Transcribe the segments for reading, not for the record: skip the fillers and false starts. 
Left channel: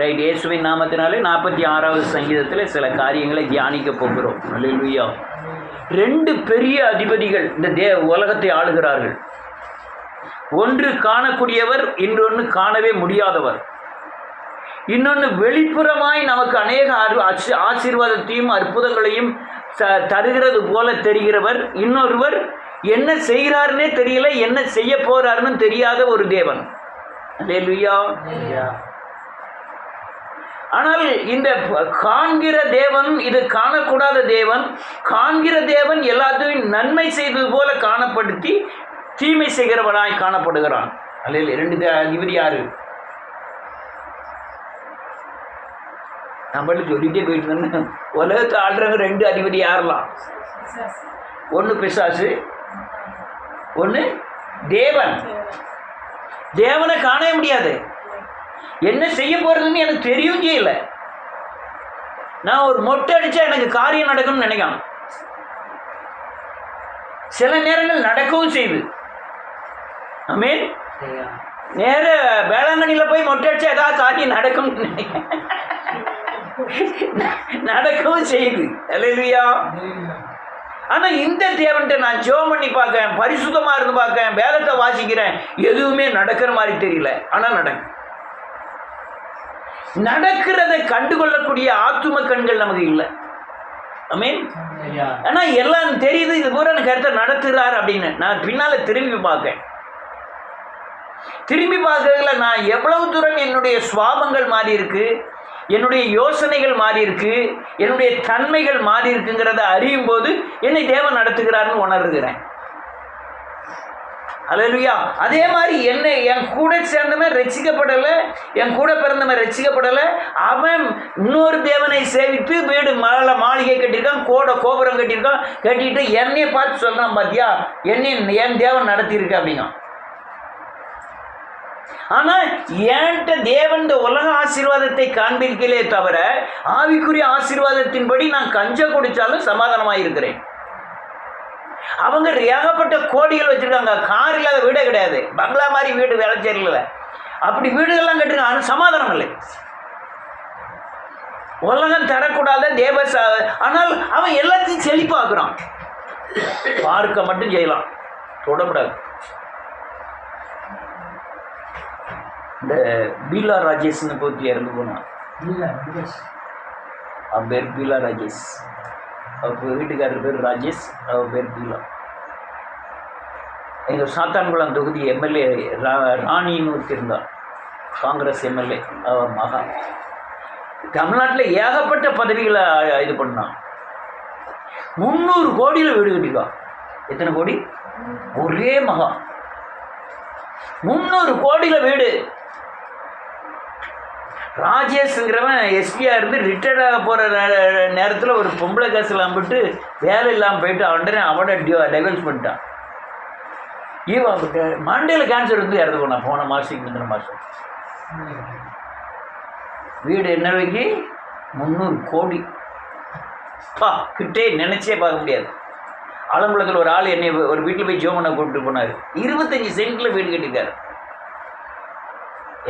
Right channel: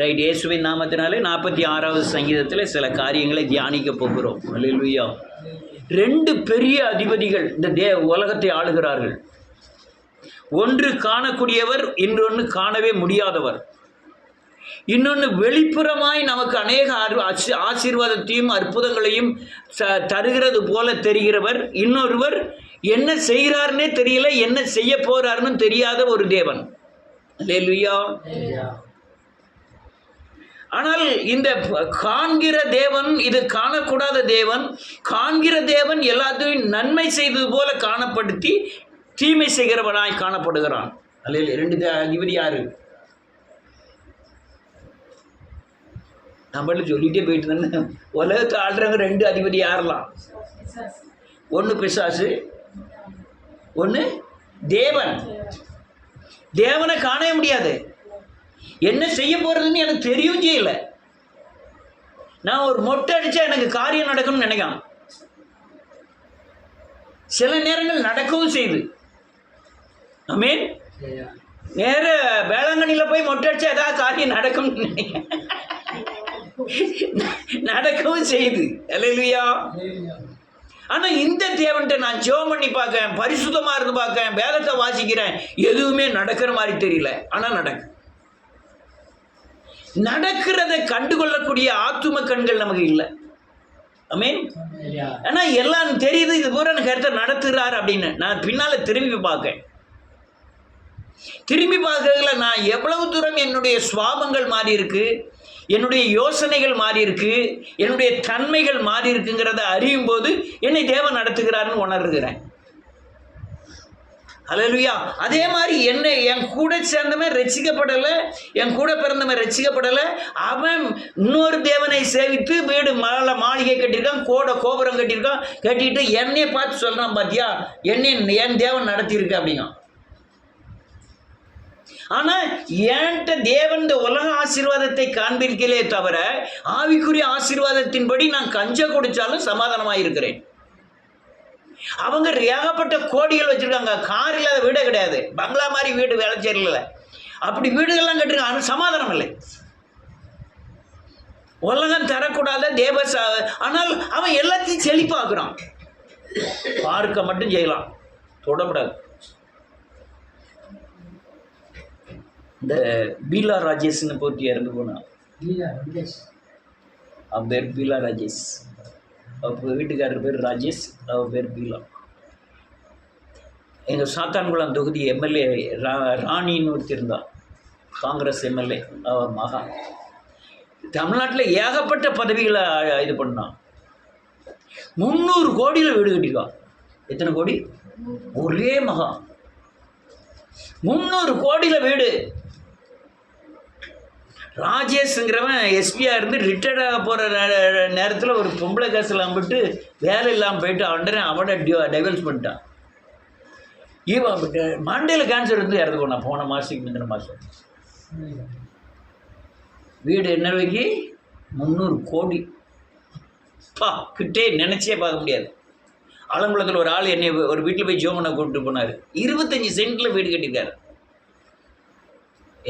Right. இயேசுவின் நாமத்தினாலே 46வது சங்கீதத்தில் சில காரியங்களை தியானிக்க போகிறோம். அல்லேலூயா. 2 பெரிய அதிபதிகள் இந்த உலகத்தை ஆளுகிறார்கள். ஒன்று காணக்கூடியவர், இன்னொன்று காணவே முடியாதவர். இன்னொன்று வெளிப்புறமாய் நமக்கு அநேக ஆசீர்வாதத்தையும் அற்புதங்களையும் தருகிறது போல தெரிகிறவர். இன்னொருவர் என்ன செய்கிறாருன்னே தெரியல, என்ன செய்ய போறாருன்னு தெரியாத ஒரு தேவன். அல்லேலூயா. ஆனால் இந்த காண்கிற தேவன், இது காணக்கூடாத தேவன். காண்கிற தேவன் எல்லாத்தையும் நன்மை செய்தது போல காணப்படுத்தி தீமை செய்கிறவனாய் காணப்படுகிறான். அல்ல 2 அதிபதி யாரு? நம்மள சொல்லிட்டே போயிட்டு இருந்தேன். உலகத்தை ஆடுறவங்க 2 அதிபதி யாரெல்லாம்? ஒன்று பிசாசு, ஒன்று தேவன். தேவனை காணவே முடியாது. என்ன செய்ய போறதுன்னு எனக்கு தெரியவும் செய்யல. நான் ஒரு மொட்டை அடிச்சா எனக்கு காரியம் நடக்கும்னு நினைக்கலாம். சில நேரங்கள் நடக்கவும் செய்யுது. ஆமென். நேர வேளாங்கண்ணியில் போய் மொட்டை அடிச்சா ஏதாவது காரியம் நடக்கும்னு நினைக்கிறேன். நடக்கவும் செய்யுது. அல்லேலூயா. ஆனால் இந்த தேவன்கிட்ட நான் ஜெபம் பண்ணி பார்க்கேன், பரிசுத்தமாக இருந்து பார்க்கேன், வேதத்தை வாசிக்கிறேன், எதுவுமே நடக்கிற மாதிரி தெரியல. ஆனால் நடக்கிறதை கண்டுகொள்ளக்கூடிய ஆத்தும கண்கள் நமக்கு இல்லை. ஆமென். ஆனால் எல்லாம் தெரியுது, இது பூரா கருத்தை நடத்துகிறார் அப்படின்னு. நான் பின்னால் திரும்பி பார்க்கறதுல நான் எவ்வளவு தூரம் என்னுடைய சுவாபங்கள் மாறி இருக்கு, என்னுடைய யோசனைகள் மாறி இருக்கு, என்னுடைய தன்மைகள் மாறி இருக்குங்கிறத அறியும் போது என்னை தேவன் நடத்துகிறார்னு உணர்கிறேன். அல்லேலூயா. அதே மாதிரி என் கூட சேர்ந்தவன் ரட்சிக்கப்படலை, என் கூட பிறந்தவன் ரட்சிக்கப்படலை. அவன் இன்னொரு தேவனை சேவித்து வீடு மாளிகை கட்டியிருக்கான், கோபுரம் கட்டியிருக்கான். கட்டிட்டு என்னைய பார்த்து சொல்கிறான், பாத்தியா என் தேவன் நடத்தியிருக்கு அப்படிங்க. ஆனால் என்கிட்ட தேவன் இந்த உலக ஆசீர்வாதத்தை காண்பிருக்கலே தவிர ஆவிக்குரிய ஆசீர்வாதத்தின்படி நான் கஞ்ச குடித்தாலும் சமாதானமாக இருக்கிறேன். அவங்க ஏகப்பட்ட கோடிகள் வச்சுருக்காங்க, கார் இல்லாத வீடே கிடையாது, பங்களா மாதிரி வீடு வேலைச்சேரியில் அப்படி வீடுகள்லாம் கட்டிருக்காங்க. ஆனால் சமாதானம் இல்லை. உலகம் தரக்கூடாத ஆனால் அவன் எல்லாத்தையும் செழிப்பாக்குறான். பார்க்க மட்டும் செய்யலாம், தொடக்கூடாது. இந்த பீலா ராஜேஷ்னு பற்றி இறந்து போனான். அவன் பேர் பீலா ராஜேஷ். அவர் வீட்டுக்காரர் பேர் ராஜேஷ், அவர் பேர் பீலா. எங்கள் சாத்தான்குளம் தொகுதி எம்எல்ஏ ராணின்னு ஒருத்தர் இருந்தார், காங்கிரஸ் எம்எல்ஏ. அவர் மகா தமிழ்நாட்டில் ஏகப்பட்ட பதவிகளை இது பண்ணான். 300 கோடியில் வீடு கட்டிருக்கான். எத்தனை கோடி? ஒரே மகா 300 கோடியில் வீடு. ராஜேஷ்ங்கிறவன் எஸ்பியாக இருந்து ரிட்டையர்ட் ஆக போகிற நேரத்தில் ஒரு பொம்பளை காசில் அம்பிட்டு வேலை இல்லாமல் போயிட்டு அவனை டைவர்ஸ் பண்ணிட்டான். இவன் மண்டையில் கேன்சர் வந்து இறந்து போனான் போன மாதத்துக்கு முந்தின மாதம். வீடு என்ன வைக்கி 300 கோடி. கிட்டே நினச்சே பார்க்க முடியாது. ஆலங்குளத்தில் ஒரு ஆள் என்னை ஒரு வீட்டில் போய் ஜோம் பண்ண கூப்பிட்டு போனார். 25 சென்ட்டில் வீடு கட்டிட்டார்.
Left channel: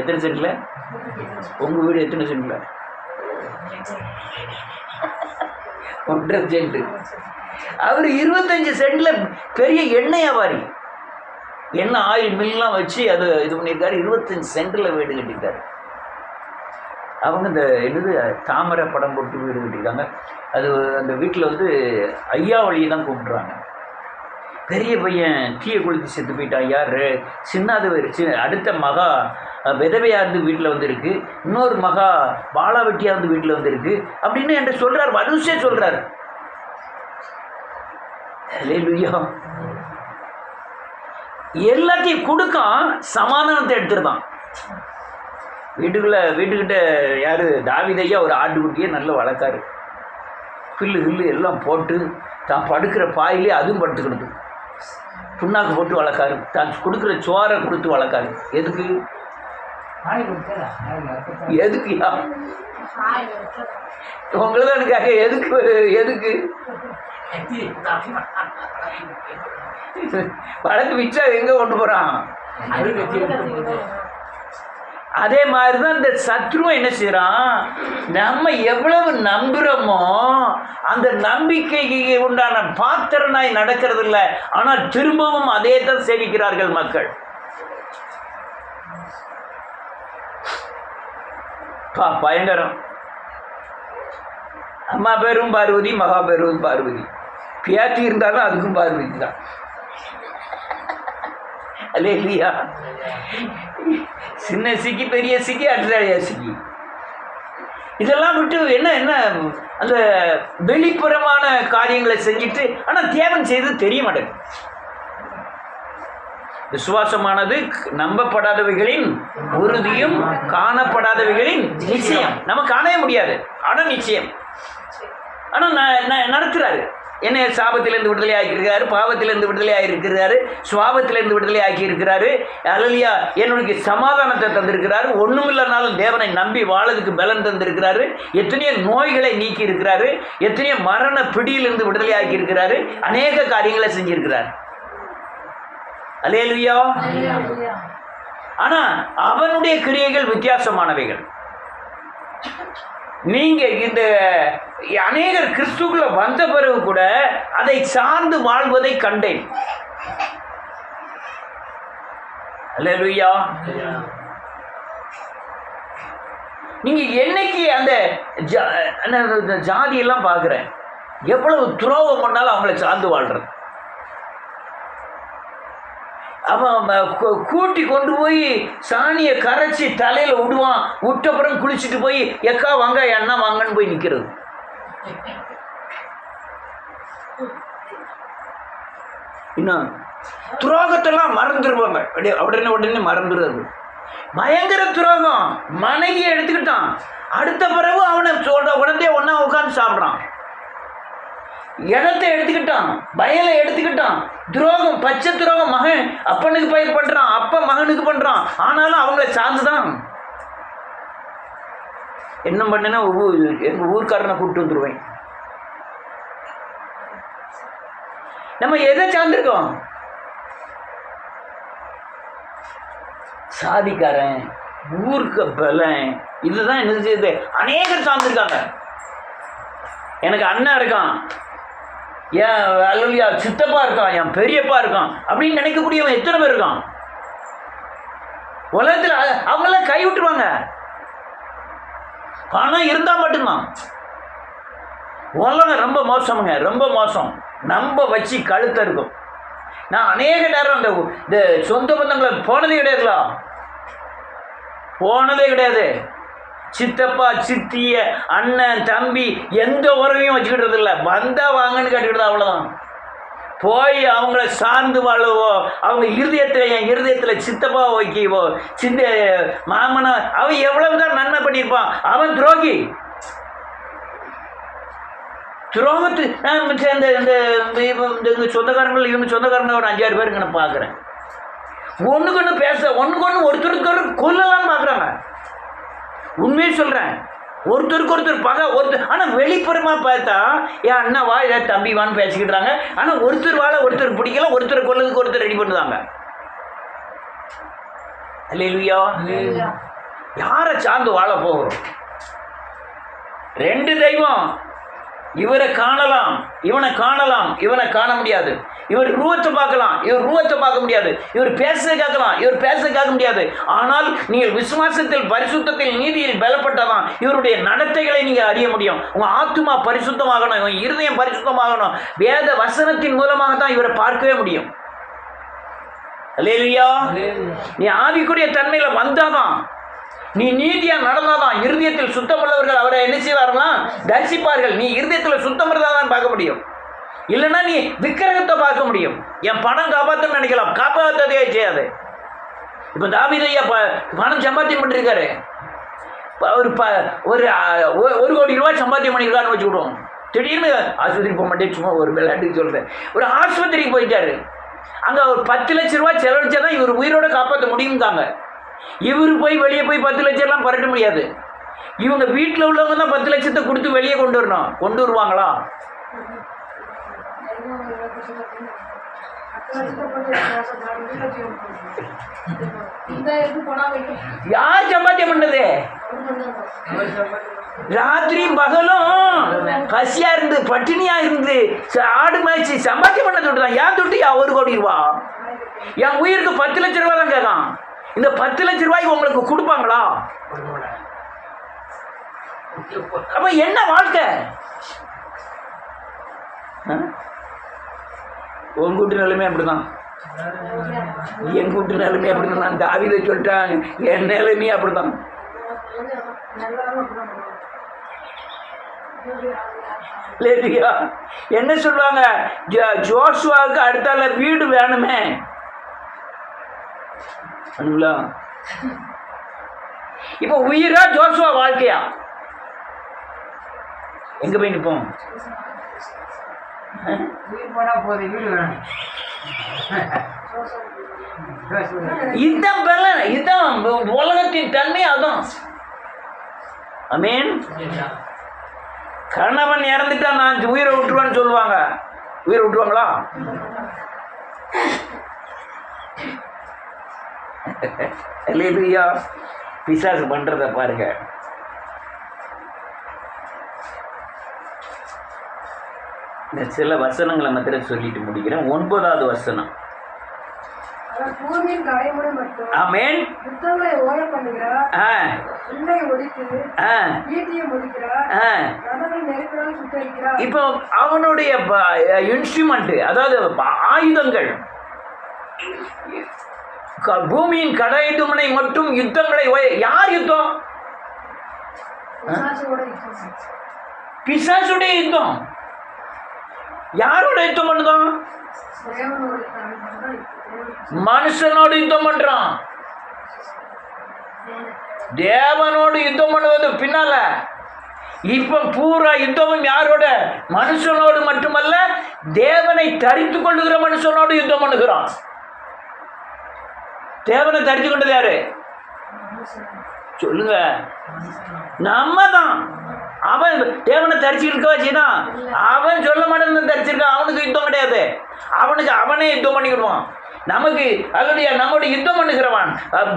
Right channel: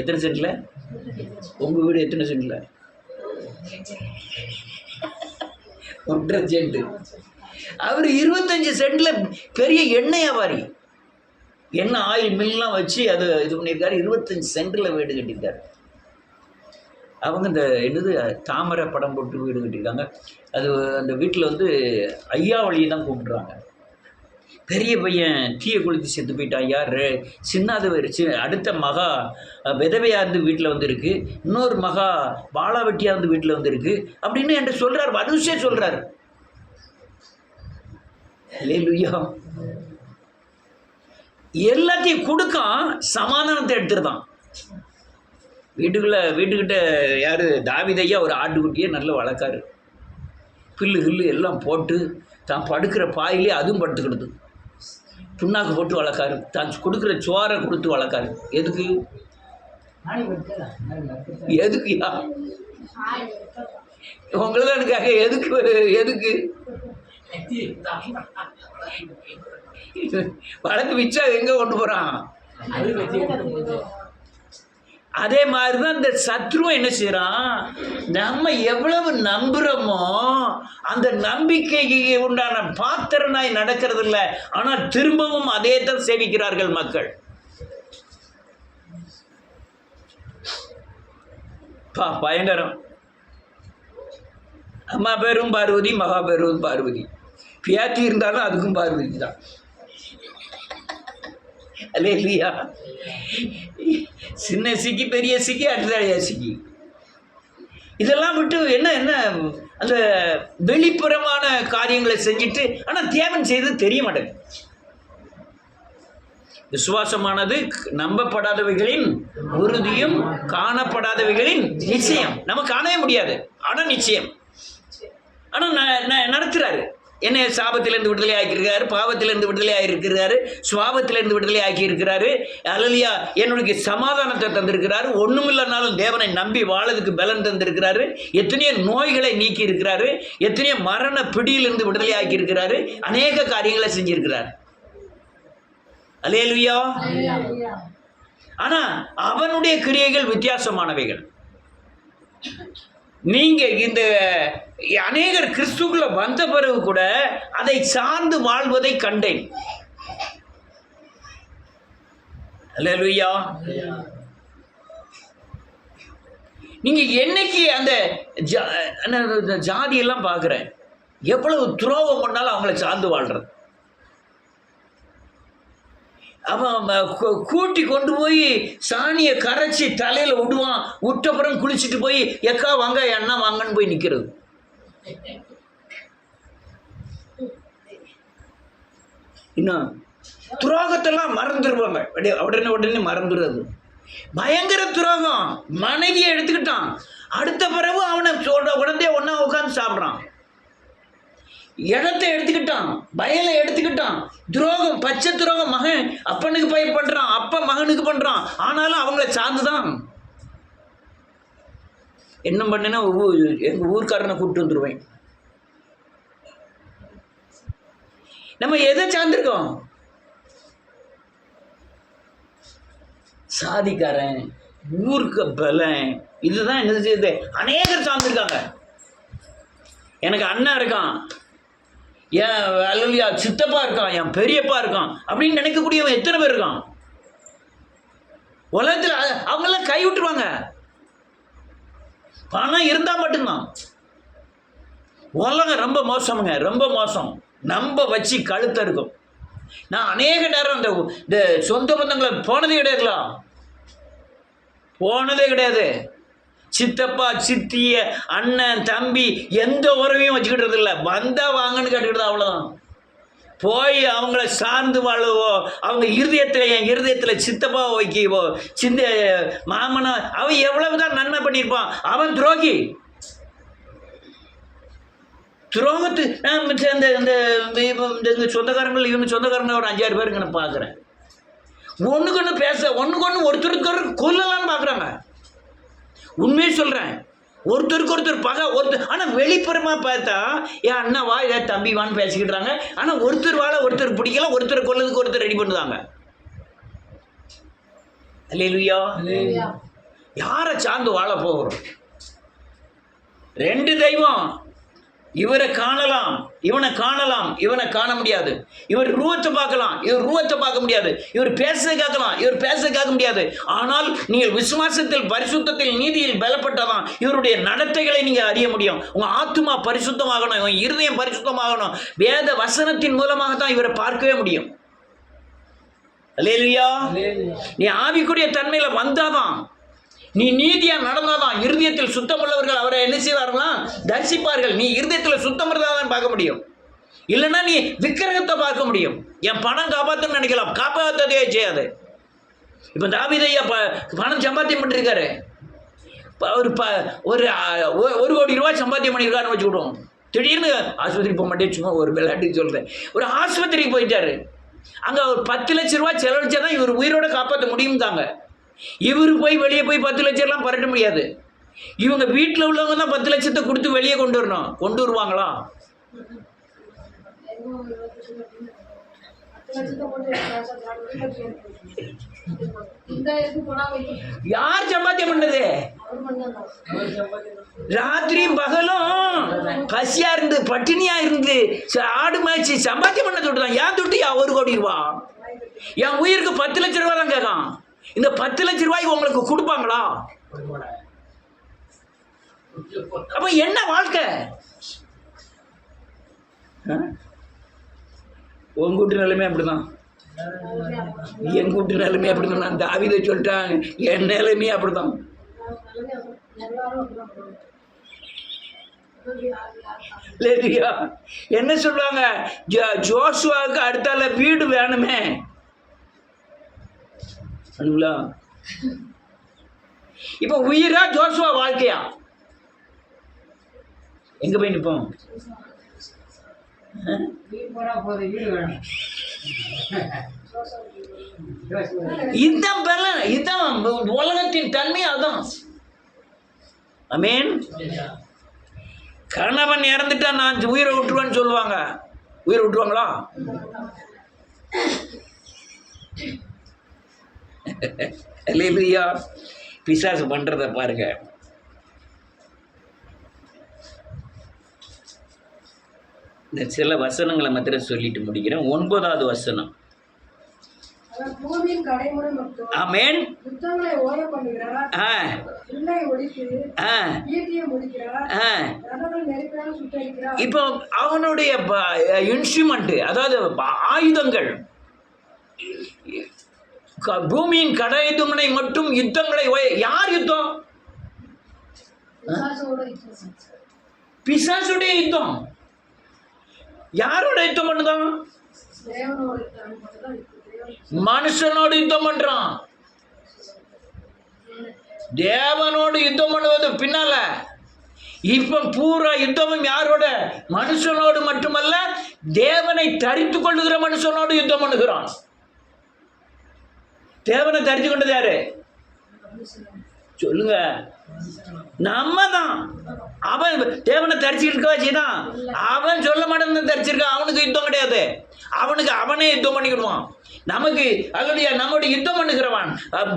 எத்தனை சென்ட்டில்? உங்கள் வீடு எத்தனை சென்ட்டில்? 1.5 சென்ட்டு. அவர் 25 சென்ட்டில் பெரிய எண்ணெய் வியாபாரி, எண்ணெய் ஆயில் மில்லாம் வச்சு அது இது பண்ணியிருக்காரு. 25 சென்ட்டில் வீடு கட்டியிருக்காரு. அவங்க இந்த என்னது தாமரை படம் போட்டு வீடு கட்டியிருக்காங்க. அது அந்த வீட்டில் வந்து ஐயாவளியை தான் கூப்பிட்றாங்க. பெரிய பையன் தீயை கொளுத்தி செத்து போயிட்டான். யார்? சின்னாது அடுத்த மகா விதவையாக இருந்து வீட்டில் வந்து இருக்குது, இன்னொரு மகா பாலாவட்டியாக இருந்து வீட்டில் வந்து இருக்குது அப்படின்னு என்கிட்ட சொல்கிறார். வரிசையே சொல்கிறார். அல்லேலூயா. எல்லாத்தையும் கொடுக்கான், சமாதானத்தை எடுத்துருந்தான். வீட்டுக்கிட்ட யார்? தாவீதையா ஒரு ஆட்டுக்குட்டியை நல்ல வளர்க்காரு. கில்லு எல்லாம் போட்டு தான் படுக்கிற பாயிலே அதுவும் படுத்துக்கிடுது. புண்ணாக்கு போட்டு வளர்க்காரு. தான் கொடுக்குற சோறை கொடுத்து வளர்க்காரு. எதுக்குயா? உங்களுக்கு எனக்காக எதுக்கு வளர்த்து வச்சா எங்கே கொண்டு போகிறான்? அதே மாதிரி தான் இந்த சத்ருவம் என்ன செய்யறான், நம்ம எவ்வளவு நம்புறோமோ அந்த நம்பிக்கைக்கு உண்டான பாத்திரனாய் நடக்கிறது இல்லை. ஆனால் திரும்பவும் அதே தான் சேவிக்கிறார்கள் மக்கள். பயங்கரம். அம்மா பேரும் பார்வதி, மகா பேரும் பார்வதி. பியாத்தி இருந்தாலும் அதுக்கும் பார்வதி தான். அல்லே இல்லையா? சின்ன சிக்கி, பெரிய சிக்கி, அடுத்த சிக்கி. இதெல்லாம் விட்டு என்ன என்ன அந்த வெளிப்புறமான காரியங்களை செஞ்சுட்டு ஆனால் தேவன் செய்து தெரிய மாட்டேங்குது. விசுவாசமானது நம்பப்படாதவைகளின் உறுதியும் காணப்படாதவைகளின் நிச்சயம். நம்ம காணவே முடியாது, ஆனால் நிச்சயம். ஆனால் நடத்துறாரு. என்னை சாபத்திலிருந்து விடுதலை ஆக்கியிருக்கிறாரு, பாவத்திலிருந்து விடுதலை ஆகியிருக்கிறாரு, சுவாபத்திலிருந்து விடுதலை ஆக்கியிருக்கிறாரு. அல்லேலூயா. என்னுடைய சமாதானத்தை தந்திருக்கிறாரு. ஒன்றுமில்லனாலும் தேவனை நம்பி வாழதுக்கு பலன் தந்திருக்கிறாரு. எத்தனையோ நோய்களை நீக்கி இருக்கிறாரு. எத்தனையோ மரண பிடியிலிருந்து விடுதலை ஆக்கியிருக்கிறாரு. அநேக காரியங்களை செஞ்சிருக்கிறார். அல்லேலூயா. ஆனா அவனுடைய கிரியைகள் வித்தியாசமானவைகள். நீங்க இந்த அநேகர் கிறிஸ்துக்குள்ள வந்த பிறகு கூட அதை சார்ந்து வாழ்வதை கண்டேன். அல்லேலூயா. நீங்க என்னைக்கு அந்த ஜாதியெல்லாம் பார்க்குறேன், எவ்வளவு துரோகம் பண்ணாலும் அவங்கள சார்ந்து வாழ்றது. அவன் கூட்டி கொண்டு போய் சாணியை கரைச்சி தலையில் விடுவான். விட்டப்புறம் குளிச்சுட்டு போய் எக்கா வாங்க எண்ணா வாங்கன்னு போய் நிற்கிறது. இன்னும் துரோகத்தெல்லாம் மறந்துடுவாங்க. உடனே மறந்துடுறது. பயங்கர துரோகம். மனைவியை எடுத்துக்கிட்டான். அடுத்த பிறகு அவனை சொல்ற உடனே ஒன்னா உட்காந்து சாப்பிட்றான். இடத்தை எடுத்துக்கிட்டான், வயலை எடுத்துக்கிட்டான். துரோகம், பச்சை துரோகம். மகன் அப்பனுக்கு பயிர் பண்றான், அப்ப மகனுக்கு பண்றான். ஆனாலும் அவங்கள சார்ந்துதான். என்ன பண்ணேன்னா எங்க ஊர்க்காரனை கூப்பிட்டு வந்துருவேன். நம்ம எதை சார்ந்திருக்கோம்? சாதிக்காரன், ஊருக்கு பலன், இதுதான் என்ன செய்யுது. அநேகர் சார்ந்திருக்காங்க. எனக்கு அண்ணன் இருக்கான், என் அல்லையா சித்தப்பா இருக்கான், என் பெரியப்பா இருக்கான் அப்படின்னு நினைக்கக்கூடியவன் எத்தனை பேர் இருக்கான் உலகத்தில்? அவங்கெல்லாம் கை விட்டுருவாங்க. பணம் இருந்தால் மட்டும்தான். உலகம் ரொம்ப மோசமுங்க, ரொம்ப மோசம். நம்ப வச்சு கழுத்த இருக்கும். நான் அநேக நேரம் இந்த சொந்த பந்தங்களை போனதே கிடையாதுல, போனதே கிடையாது. சித்தப்பா, சித்திய, அண்ணன், தம்பி எந்த உறவையும் வச்சுக்கிட்டது இல்லை. வந்தா வாங்கன்னு கேட்டுக்கிட்டது, அவ்வளோதான். போய் அவங்கள சார்ந்து வாழவோ, அவங்க இருதயத்தில், என் இருதயத்தில் சித்தப்பா வைக்கவோ, சிந்த மாமனா, அவன் எவ்வளவுதான் நன்மை பண்ணியிருப்பான். அவன் துரோகி. துரோகத்து இந்த சொந்தக்காரங்கள், இவங்க சொந்தக்காரங்க ஒரு 5-6 பேருக்கு நான் பார்க்குறேன். ஒன்றுக்கு ஒன்று பேச, ஒன்றுக்கு ஒன்று ஒருத்தருக்கு கொல்லலான்னு பார்க்குறாங்க. உண்மையை சொல்கிறேன். ஒருத்தருக்கு ஒருத்தர் பகை, ஒருத்தர். ஆனால் வெளிப்புறமாக பார்த்தா என் அண்ணா வா, ஏதாவது தம்பி வான்னு பேசிக்கிட்டுறாங்க. ஆனால் ஒருத்தர் வாழ ஒருத்தர் பிடிக்கல, ஒருத்தர் கொல்லதுக்கு ஒருத்தர் ரெடி பண்ணுதாங்க. அல்லேலூயா. யாரை சார்ந்து வாழ போகிறோம்? 2 தெய்வம். இவரை காணலாம், இவனை காணலாம், இவனை காண முடியாது. இவர் ரூபத்தை பார்க்கலாம், இவர் ரூபத்தை பார்க்க முடியாது. இவர் பேசுறதை கேட்கலாம், இவர் பேசுறதை கேட்க முடியாது. ஆனால் நீங்கள் விசுவாசத்தில், பரிசுத்தத்தில், நீதியில் பலப்பட்டதான் இவருடைய நடத்தைகளை நீங்கள் அறிய முடியும். உங்கள் ஆத்துமா பரிசுத்தமாகணும், உங்கள் இருதயம் பரிசுத்தமாகணும். வேத வசனத்தின் மூலமாக தான் இவரை பார்க்கவே முடியும். அல்லேலூயா. நீ ஆவிக்குரிய தன்மையில் வந்தாதான், நீ நீதியா நடந்தாதான், இருதயத்தில் சுத்தம் உள்ளவர்கள் அவரை என்ன செய்வார்களா? தரிசிப்பார்கள். நீ இருதயத்தில் சுத்தம் இருந்தாதான் பார்க்க முடியும். இல்லைன்னா நீ விக்கிரகத்தை பார்க்க முடியும். என் பணம் காப்பாற்றணும்னு நினைக்கலாம், காப்பாற்றதே செய்யாது. இப்போ தாவீதையா பணம் சம்பாத்தியம் பண்ணிருக்காரு. ஒரு 1 கோடி ரூபாய் சம்பாத்தியம் பண்ணியிருக்காருன்னு வச்சுக்கிடுவோம். திடீர்னு ஆஸ்பத்திரி போக மாட்டேன், சும்மா ஒரு விளையாட்டுக்கு சொல்கிறேன். ஒரு ஆஸ்பத்திரிக்கு போயிட்டாரு. அங்கே ஒரு 10 லட்சம் ரூபாய் செலவழிச்சா தான் இவர் உயிரோட காப்பாற்ற முடியும்தாங்க. இவரு போய் வெளியே போய் 10 லட்சம்லாம் பரட்ட முடியாது. இவங்க வீட்டில் உள்ளவங்க தான் 10 லட்சத்தை கொடுத்து வெளியே கொண்டு வரணும். கொண்டு வருவாங்களா? யார் சம்பாத்தியம் பண்ணது? ராத்திரி பகலும் பசியா இருந்து பட்டினியா இருந்து ஆடு மேய்ச்சி சம்பாத்தியம் பண்ண தொட்டுதான். ஏன் தொட்டியா 1 கோடி ரூபா? என் உயிருக்கு 10 லட்சம் ரூபா தான் கேட்கான். இந்த 10 லட்சம் ரூபாய்க்கு உங்களுக்கு கொடுப்பாங்களா? அப்ப என்ன வாழ்க்கை? உங்க வீட்டு நிலைமை அப்படிதான், என் வீட்டு நிலைமை அப்படிதான். நான் தாவீதை சொல்லிட்டான், என் நிலைமையே அப்படிதான். என்ன சொல்லுவாங்க? ஜோசுவாவுக்கு அடுத்தால வீடு வேணுமே. இப்ப உயிரா ஜோசுவா வாழ்க்கையா? எங்க போய் நிற்போம்? இதுதான் பலன், இதுதான் உலகத்தின் தன்மை. அதான் ஆமென். கணவன் இறந்துட்டா நான் உயிரை விட்டுருவேன்னு சொல்லுவாங்க. உயிரை விட்டுருவாங்களா? அல்லேலூயா. பிசாசு பண்றத பாருங்க. இந்த சில வசனங்களை மாத்திரம் சொல்லிட்டு முடிக்கிறேன். 9வது வசனம். ஆமென். இப்போ அவனுடைய இன்ஸ்ட்ருமெண்ட், அதாவது ஆயுதங்கள், பூமியின் கடைதுமனை மட்டும் யுத்தங்களை. யார் யுத்தம்? பிசாசுடைய யுத்தம். யாரோட யுத்தம் பண்ணுதான்? மனுஷனோடு யுத்தம் பண்றான். தேவனோடு யுத்தம் பண்ணுவது பின்னால. இப்ப பூரா யுத்தமும் யாரோட? மனுஷனோடு மட்டுமல்ல, தேவனை தரித்து கொள்ளுகிற மனுஷனோடு யுத்தம் பண்ணுகிறான். தேவனை தரித்து கொண்டது யாரு? சொல்லுங்க. நம்ம தான். அவன் தேவனை தரிச்சுக்க வச்சுதான். அவன் சொல்ல மாட்டேன்னு தரிச்சிருக்கான். அவனுக்கு யுத்தம் கிடையாது. அவனுக்கு அவனே யுத்தம் பண்ணிக்கிடுவான். நமக்கு அல்லது நம்முடைய யுத்தம் பண்ணுகிறவன்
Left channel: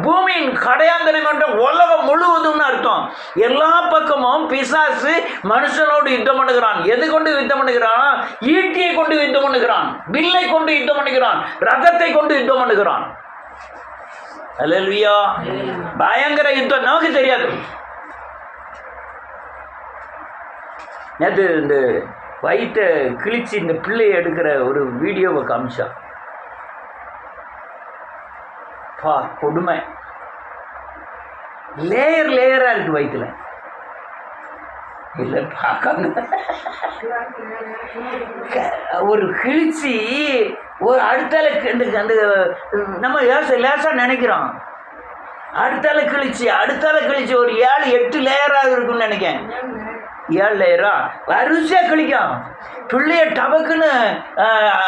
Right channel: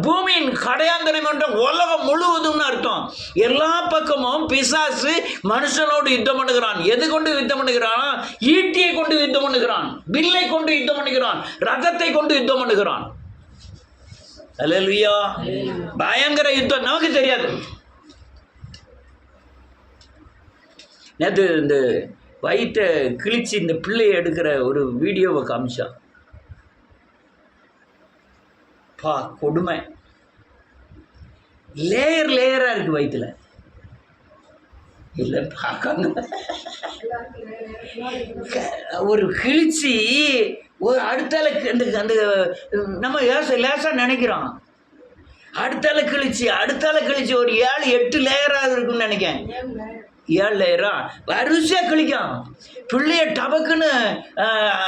பூமியின் கடையாந்தனை மட்டும் உலகம் முழுவதும்னு அர்த்தம். எல்லா பக்கமும் பிசாசு மனுஷனோடு யுத்தம் பண்ணுகிறான். எது கொண்டு யுத்தம் பண்ணுகிறான்? ஈட்டியை கொண்டு யுத்தம் பண்ணுகிறான், வில்லை கொண்டு யுத்தம் பண்ணுகிறான், ரதத்தை கொண்டு யுத்தம் பண்ணுகிறான். அல்லேலூயா. பயங்கர யுத்தம். நமக்கு தெரியாது. நேற்று இந்த வயிற்றை கிழிச்சு இந்த பிள்ளையை எடுக்கிற ஒரு வீடியோவை காமிச்சா. பா கொடுமை. லேயரா இருக்கு வயிற்றுல. இல்லை பார்க்காங்க. ஒரு கிழிச்சி ஒரு அடுத்தால அந்த நம்ம லேசா நினைக்கிறோம். அடுத்தால கிழிச்சு ஒரு 7-8 லேயராக இருக்குன்னு நினைக்கிறேன். 7 லேயரா வரிசையா கிழிக்கும். பிள்ளைய டபக்குன்னு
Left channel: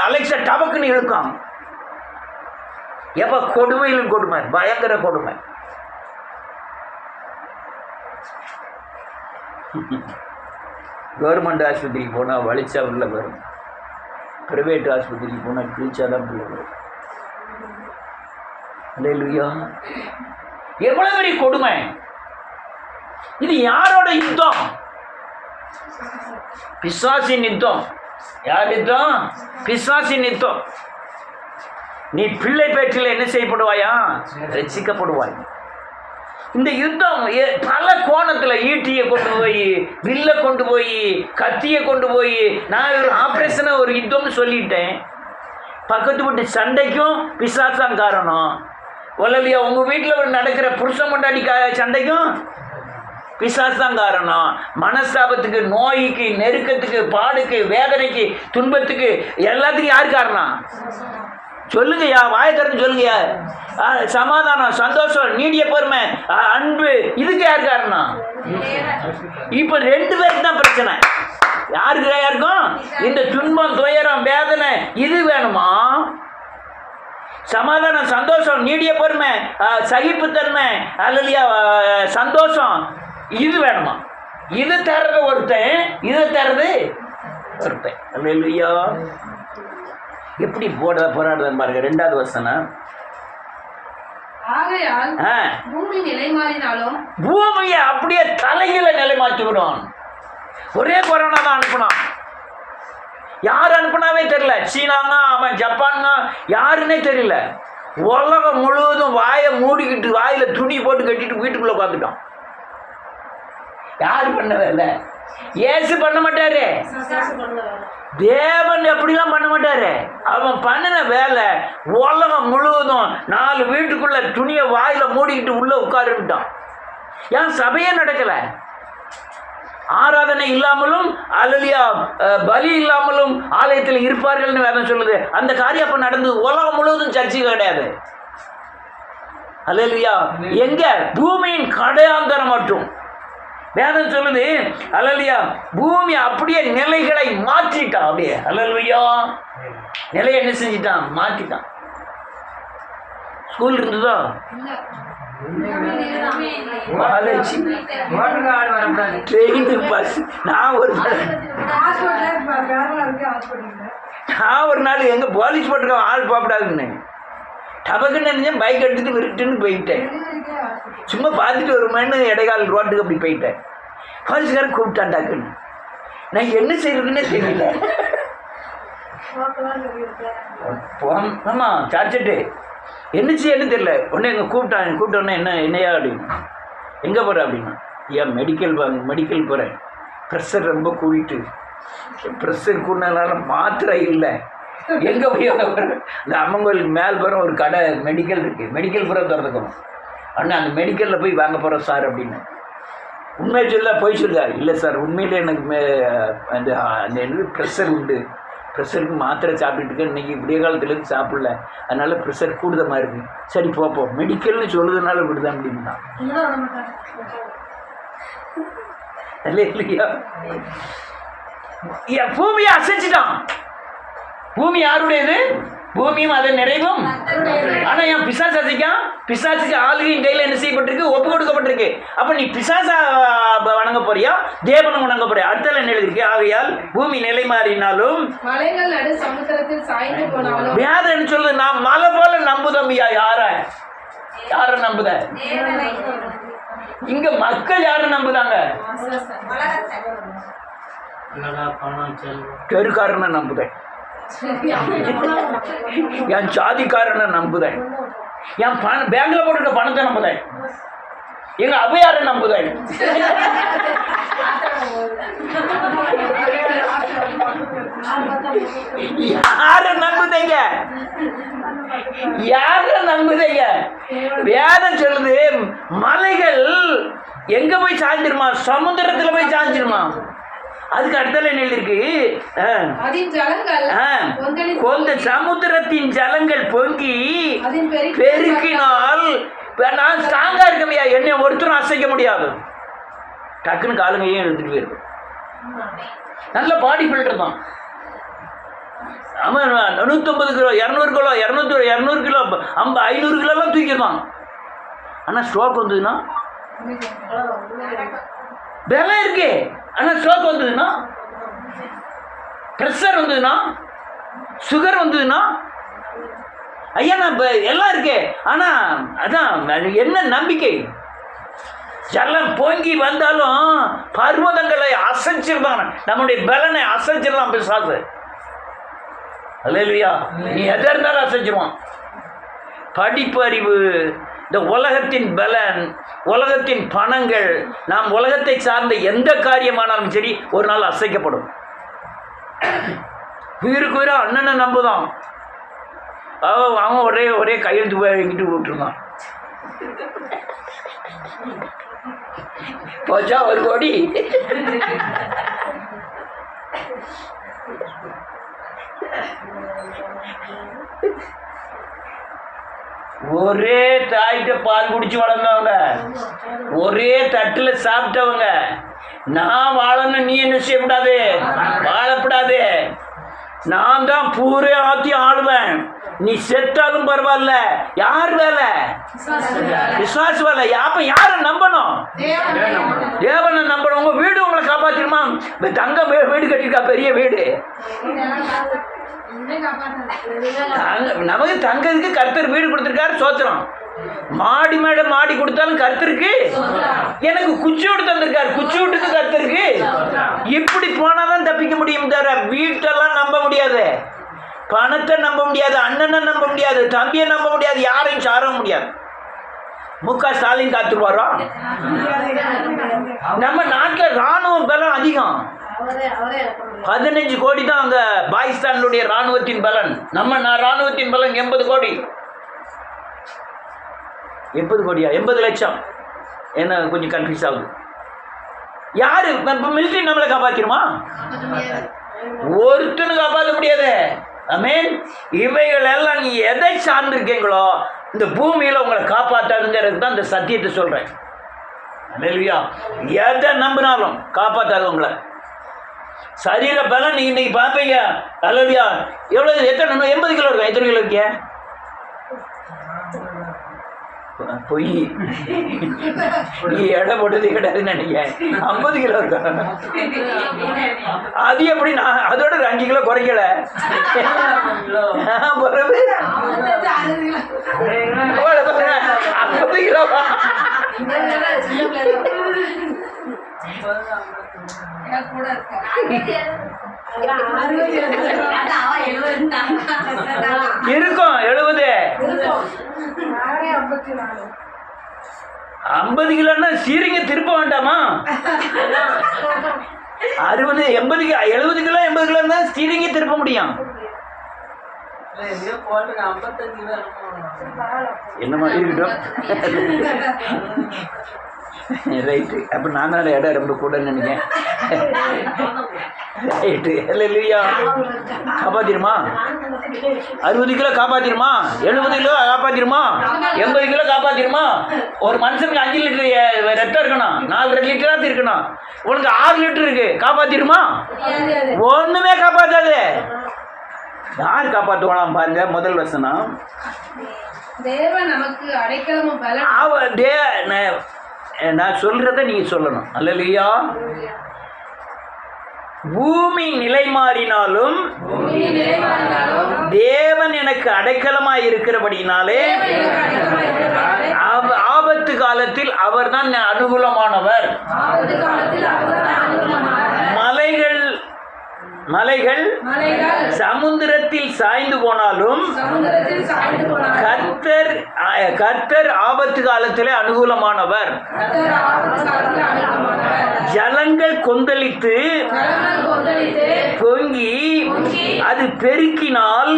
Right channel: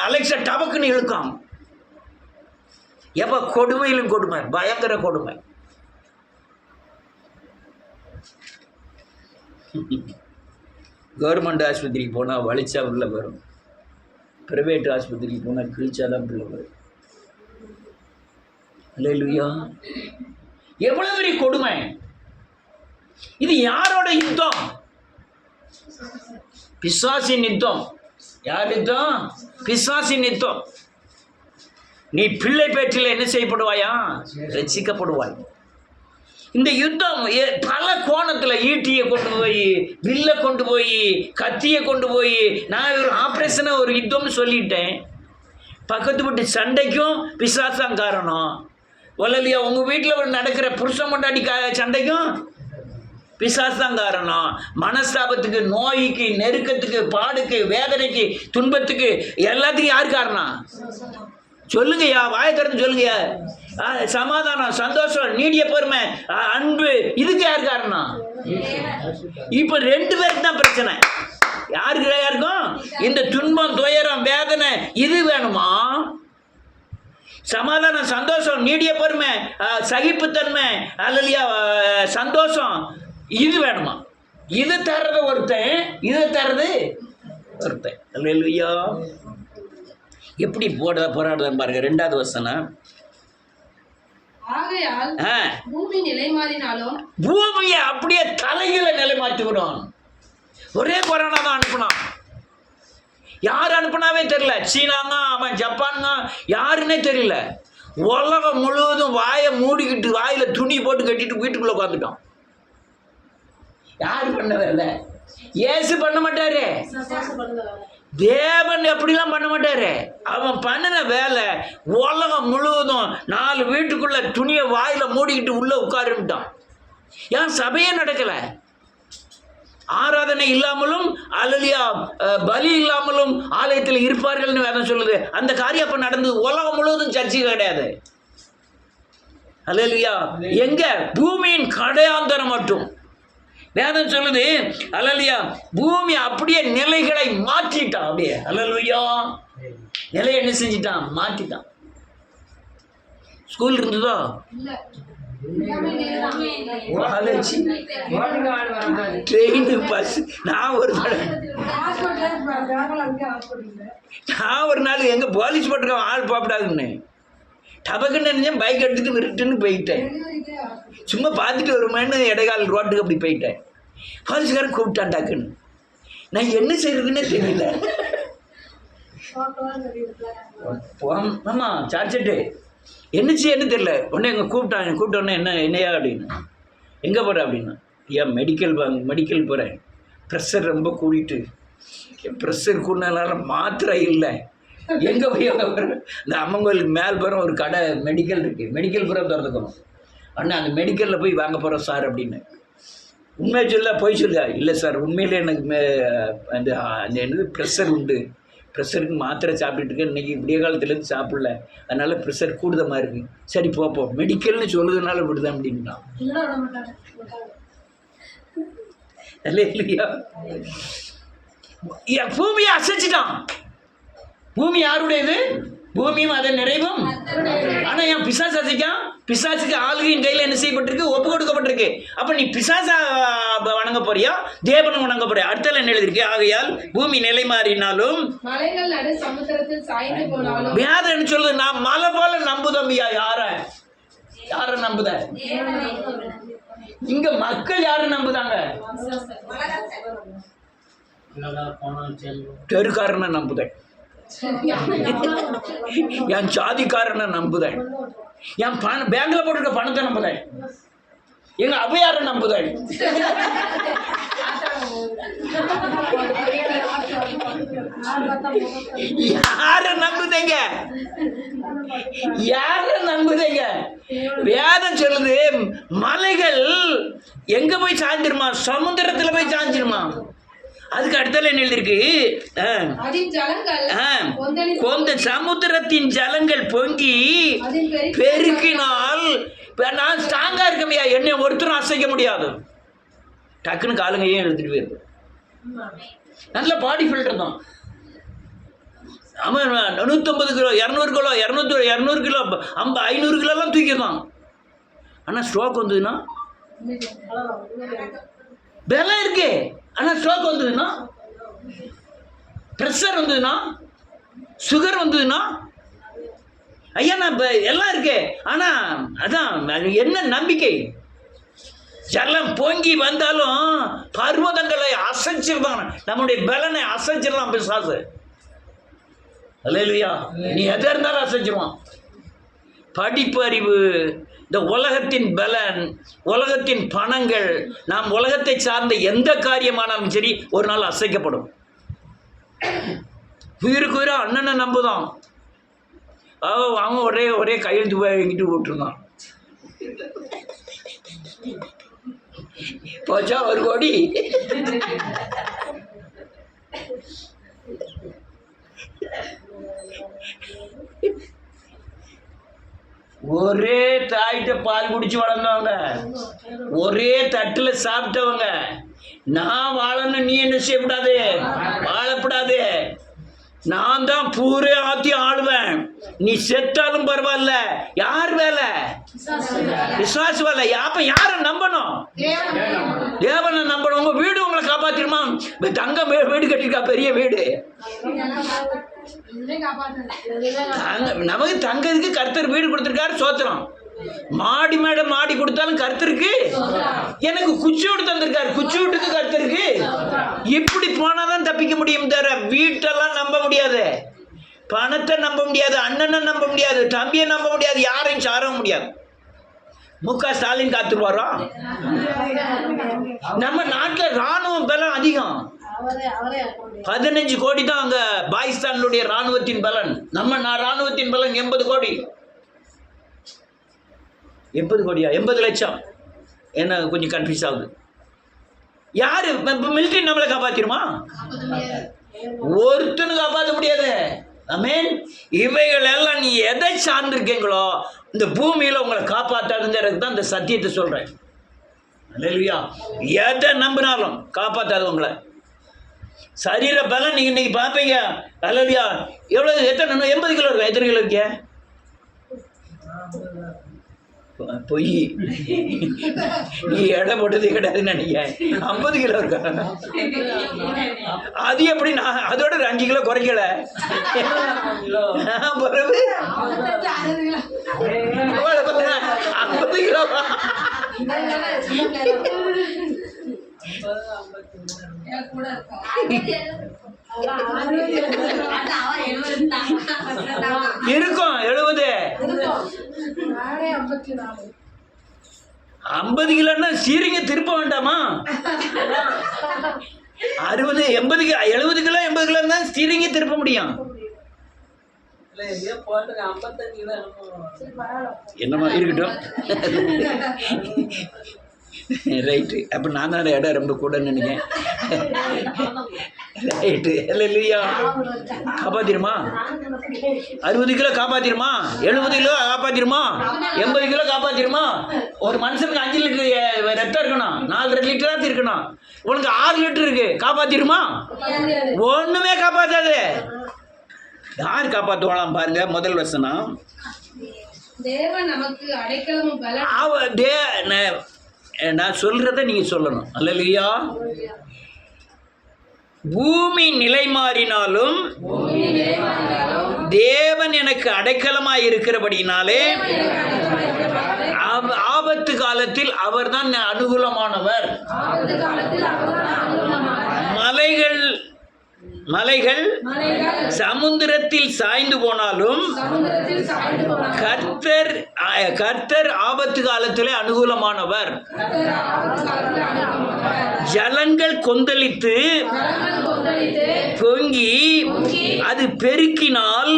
அலெக்சா டபக்குன்னு இழுக்கும். எப்ப கொடுமையிலும் கொடுமை, பயங்கர கொடுமை. கவர்மெண்ட் ஆஸ்பத்திரிக்கு போனால் வலிச்சா உள்ள வரும். பிரைவேட் ஆஸ்பத்திரிக்கு போனால் கிழிச்சாதான் பிள்ளை வரும். அல்லேலூயா. எவ்வளவு பெரிய கொடுமை இது! யாரோட யுத்தம்? பிசாசின் யுத்தம். யார் யுத்தம்? பிசாசின் யுத்தம். நீ பிள்ளை பேற்றில் என்ன செய்யப்படுவாயா? ரட்சிக்கப்படுவாய். இந்த யுத்தம் பல கோணத்தில், ஈட்டியை கொண்டு போய், வில்லை கொண்டு போய், கத்தியை கொண்டு போய், நான் ஒரு ஆப்ரேஷனை ஒரு யுத்தம்னு சொல்லிட்டேன். பக்கத்து வீட்டு சண்டைக்கும் பிசாசான் காரணம். ஒல்லலையா? உங்கள் வீட்டில் நடக்கிற புருஷன் பொண்டாட்டி சண்டைக்கும் பிசாசான் காரணம். மனஸ்தாபத்துக்கு, நோய்க்கு, நெருக்கத்துக்கு, பாடுக்கு, வேதனைக்கு, துன்பத்துக்கு, எல்லாத்துக்கும் யார் காரணம்? சொல்லுங்கய்யா, வாயை திறந்து சொல்லுங்கய்யா. சமாதானம், சந்தோஷம், நீடிய பொறுமை, அன்பு, இதுக்கு யார் காரணம்? இப்ப 2 பேருக்கு தான் பிரச்சனை. யாருக்கும்? இந்த துன்பம், துயரம், வேதனை இது வேணுமா? சமாதானம், சந்தோஷம், நீடிய பொறுமை, சகிப்புத்தன்மை, அல்லையா சந்தோஷம், இது வேணுமா? இது தர்றது ஒருத்தன், இது தர்றது ஒருத்தன். அல்லேலூயா. எப்படி போராடுதான் பாருங்க. 2வது வசனம். ஆகையால் பூமி நிலை மாறினாலும் பூமியை அப்படியே தலையில நிலை மாற்றி விடும். ஒரே கொரோனா தான் அனுப்பினான். யார் அனுப்பினாவே தெரியல. சீனாங்க, அவன் ஜப்பானுங்க, யாருன்னே தெரியல. உலகம் முழுவதும் வாயை மூடிக்கிட்டு வாயில துணி போட்டு கட்டிட்டு வீட்டுக்குள்ள உட்காந்துட்டான். யாரு பண்ணவே இல்லை. ஏசு பண்ண மாட்டாரு. தேவன் எப்படிலாம் பண்ண மாட்டாரு. அவன் பண்ணின வேலை உலகம் முழுவதும் 4 வீட்டுக்குள்ள துணியை வாயில மூடிக்கிட்டு உள்ள உட்காருட்டான். ஏன் சபையே நடக்கல? ஆராதனை இல்லாமலும் அல்லேலூயா பலி இல்லாமலும் ஆலயத்தில் இருப்பார்கள்னு வேதம் சொல்லுது. அந்த காரியம் அப்ப நடந்தது. உலகம் முழுவதும் சர்ச்சை கிடையாது. அல்லேலூயா. எங்க? பூமியின் கடையாந்தரம் மட்டும். வேதம் சொல்லுது அல்லேலூயா, பூமி அப்படியே நிலைகளை மாற்றிட்டான். அப்படியே அல்லேலூயா நிலையை என்ன செஞ்சிட்டான்? மாற்றிட்டான். ஸ்கூல் இருந்ததோ? Train, bus. நான் ஒரு நாள் எங்க போலீஸ் போட்டுருக்கோம் ஆள் போகக்கூடாதுன்னு டபக்குன்னு நினைச்சேன். பைக் எடுத்துட்டு விருட்டுன்னு போயிட்டேன். சும்மா பார்த்துட்டு வருமானு இடைக்கால ரோட்டுக்கு அப்படி போயிட்டேன். போலீஸ்காரன் கூப்பிட்டான் டக்குன்னு. நான் என்ன செய்யறதுன்னே தெரியல. ஆமாம் சார்ஜெட்டு என்ன செய்யன்னு தெரியல. உடனே எங்கே கூப்பிட்டோன்னே என்னையா அப்படின்னு. எங்கே போகிறேன் அப்படின்னா, ஏன் மெடிக்கல் போகிறேன். ப்ரெஷர் ரொம்ப கூடிட்டு. ப்ரெஷர் கூடினால மாத்திரை இல்லை. எங்கே போய் போகிறேன்? இந்த அம்மன் கோயிலுக்கு மேல் போகிற ஒரு கடை மெடிக்கல் இருக்குது. மெடிக்கல் பூரா திறந்துக்கணும். ஆனால் அந்த மெடிக்கலில் போய் வாங்க போகிறோம் சார் அப்படின்னு. உண்மையை சொல்ல போய் சொல்லுதா? இல்லை சார், உண்மையிலே எனக்கு அந்த எனக்கு ப்ரெஷர் உண்டு. ப்ரெஷருக்கு மாத்திரை சாப்பிட்டுட்டு இருக்கேன். இன்றைக்கி விடிய காலத்துலேருந்து சாப்பிடல, அதனால் ப்ரெஷர் கூடுதமாக இருக்குது. சரி போப்போம், மெடிக்கல்னு சொல்லுறதுனால விடுதான் அப்படின்னா. இல்லையா? பூமியை அசைச்சிட்டான். பூமி யாருடையது? பூமியும் அதை நிறைவும். ஆனால் என் பிசாசு அசைக்கான். பிசாசுக்கு ஆளுகையின் கையில் என்ன செய்யப்பட்டிருக்கு? ஒப்பு கொடுக்கப்பட்டிருக்கு. அப்போ நீ பிசாசா வணங்க போறியா, தேவனை வணங்க போறியா? அடுத்த நிலை இருக்கு. ஆகையால் பூமி நிலை மாறினாலும் யார் என்ன சொல்லுது? நான் மலை போல நம்புதம்பியா. யார நம்புத? இங்க மக்கள் யார நம்புதாங்க? தெருக்காரனை நம்புதேன், என் ஜாதிக்காரனை நம்புதேன், என் பேங்க்ல போட்டுருக்க பணத்தை நம்புதேன், எங்க அவையார நம்புதேன். யார நம்புதீங்க? யார நம்புதீங்க? வேதம் சொல்லுது மலைகள் எங்க போய் சாஞ்சிருமா? சமுத்திரத்துல போய் சாஞ்சிருமா? அதுக்கு அடுத்தால என்ன எழுதிருக்கு? கொந்த சமுத்திரத்தின் ஜலங்கள் பொங்கி பெருக்கினால் நான் ஸ்ட்ராங்கா இருக்கமையா, என்னை ஒருத்தரும் அசைக்க முடியாது. டக்குன்னு காலுங்கையும் எடுத்துட்டு போயிருக்கு. நல்ல பாடி ஃபில்டர் தான். ஆமாம், 150 கிலோ 200 கிலோ 200 கிலோ 500 கிலோலாம் தூக்கிடுவான். ஆனால் ஸ்ட்ரோக் வந்ததுன்னா பலம் இருக்கு. ஆனால் ஸ்ட்ரோக் வந்ததுன்னா, ப்ரெஷர் வந்ததுன்னா, சுகர் வந்ததுன்னா, ஐயா நான் இப்போ எல்லாம் இருக்கே. ஆனால் அதான் என்ன நம்பிக்கை? ஜலம் பொங்கி வந்தாலும் பர்வதங்களை அசைச்சிருந்தான். நம்முடைய பலனை அசைச்சிருந்தான் பிசாசு. அல்லேலூயா. நீ எதை இருந்தாலும் அசைச்சிருவான். படிப்பு அறிவு, இந்த உலகத்தின் பலன், உலகத்தின் பணங்கள், நாம் உலகத்தை சார்ந்த எந்த காரியமானாலும் சரி ஒரு நாள் அசைக்கப்படும். உயிருக்கு உயிரா அண்ணனை நம்புதான். அவன் ஒரே கையெழுத்து போய் வாங்கிட்டு விட்டுருந்தான். போச்சா 1 கோடி. ஒரே தாய்கிட்ட பால் குடிச்சு வளர்ந்தவங்க, ஒரே தட்டில் சாப்பிட்டவங்க. நான் வாழணும், நீ என்ன செய்யக்கூடாது? வாழப்படாது. நான் தான் பூரே ஆத்தி ஆளுவேன். நீ செத்தாலும் பரவாயில்ல. யார் வேலை? விசுவாச வேலை. அப்ப யார நம்பணும்? தேவனை நம்பணும். உங்க வீடு உங்களை காப்பாத்திருமா? தங்க வீடு கட்டிருக்கா, பெரிய வீடு. நமக்கு தங்கிறதுக்கு கர்த்தர் வீடு கொடுத்துருக்காரு, சோத்திரம். மாடி மேட மாடி கொடுத்தாலும் கர்த்தருக்கு, எனக்கு குச்சியோடு தந்திருக்காரு, குச்சியோட்டுக்கு கர்த்தருக்கு. இப்படி போனாதான் தப்பிக்க முடியும் தவிர வீட்டெல்லாம் நம்ப முடியாது, பணத்தை நம்ப முடியாது, அண்ணனை நம்ப முடியாது, தம்பியை நம்ப முடியாது, யாரையும் சாரவும் முடியாது. முக ஸ்டாலின் காத்துருவாரோ? நம்ம நாட்டில் ராணுவ பலம் அதிகம், 15 கோடி தான் அங்க பாகிஸ்தானுடைய ராணுவத்தின் பலன். நம்ம ராணுவத்தின் பலன் 80 கோடி. 80 கோடியா? 80 லட்சம். என்ன கொஞ்சம் கன்ஃபியூஸ் ஆகுது. யாரு மிலிட்டரி நம்மளை காப்பாத்திருமா? ஒருத்தனும் காப்பாற்ற முடியாது. ஆமென். இவைகள் எல்லாம் நீ எதை சார்ந்திருக்கீங்களோ இந்த பூமியில உங்களை காப்பாத்தாதுங்கிறது தான் இந்த சத்தியத்தை சொல்றேன். அல்லேலூயா. எதை நம்பினாலும் காப்பாத்தாது உங்களை. சரீர பலம் நீங்க இன்னைக்கு பார்ப்பீங்க. அல்லேலூயா. எவ்வளவு, எத்தனை, 80 கிலோ இருக்கா? எத்தனை கிலோ இருக்கியா? பொய், நீ எடை போட்டதே கிடையாதுன்னு நினைக்கிறேன். 50 கிலோ இருக்கா? அது எப்படி? நான் அதோட ஒரு 5 கிலோ குறைக்கல. பிறகு 50 கிலோ. இருக்கும் 70. 50 கிலோன்னா சீரிங்க திருப்ப வேண்டாமா? 60, 80, 70 கிலோ 80 கிலோ தான் ஸ்டீரிங்க திருப்ப முடியும். என்னமா இருக்கட்டும். ரைட்டு. அப்போ நான் தான் இடம் ரொம்ப கூட நினைக்கிறேன். ரைட்டு. இல்லையா? காப்பாத்திருமா? 60 கிலோ காப்பாத்திருமா? 70 கிலோ காப்பாத்திருமா? 80 கிலோ காப்பாத்திருமா? ஒரு மனுஷனுக்கு 5 லிட்டர் ரத்தம் இருக்கணும், 4 லிட்டராக இருக்கணும். உனக்கு 6 லிட்டர் இருக்கு, காப்பாத்திருமா? ஒண்ணுமே காப்பாத்தாது. யார் காப்பாற்றுவானாம் பாருங்க. முதல் வசனம், தேவன் நமக்கு அடைக்கலமும் பலனும். நான் சொல்றத நீங்க சொல்லணும். அல்லேலூயா. பூமி நிலை மாறினாலும் தேவன் எனக்கு அடைக்கலமாய் இருக்கிறபடினாலே ஆபத்து காலத்தில் அவர்தான் அனுகூலமானவர். மலைகள் சமுத்திரத்தில் சாய்ந்து போனாலும் கர்த்தர் ஆபத்து காலத்திலே அனுகூலமானவர். ஜலங்கள் கொந்தளித்து பொங்கி அது பெருக்கினால்